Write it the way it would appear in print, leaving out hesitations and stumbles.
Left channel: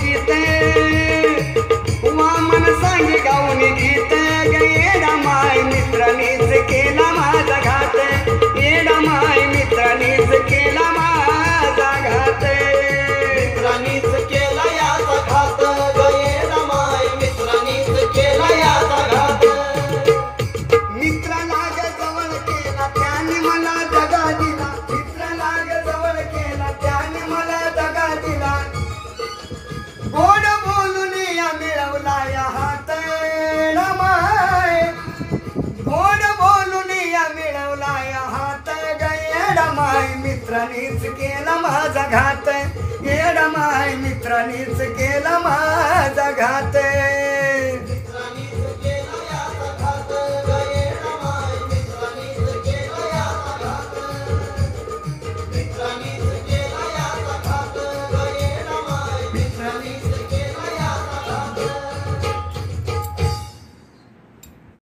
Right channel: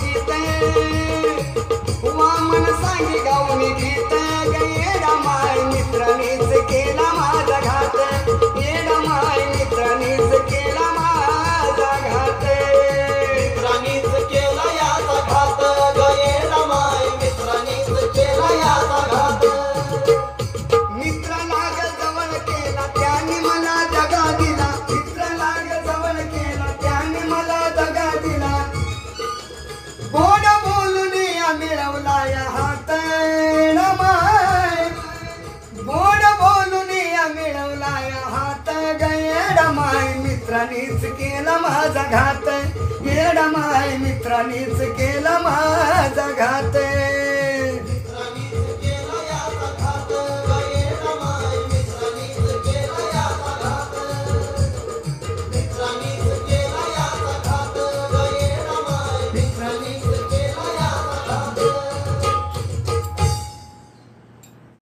गीत वामन सांगे गाऊन गीत येडा माय मित्रांनीच केला माझा घात येडा माय मित्रांनीच केला माझा घात मित्रांनीच केला याचा घात येडा माय मित्रांनीच केला याचा घात मित्राला जवळ केला त्याने मला दगा दिला मित्राला जवळ केला त्याने मला दगा दिला गोड बोलून या मिळवला या हात माय गोड बोलून या मिळवला या हात येडा माय मित्रांनीच केला माझा घात येडा माय मित्रांनीच केला माझा घात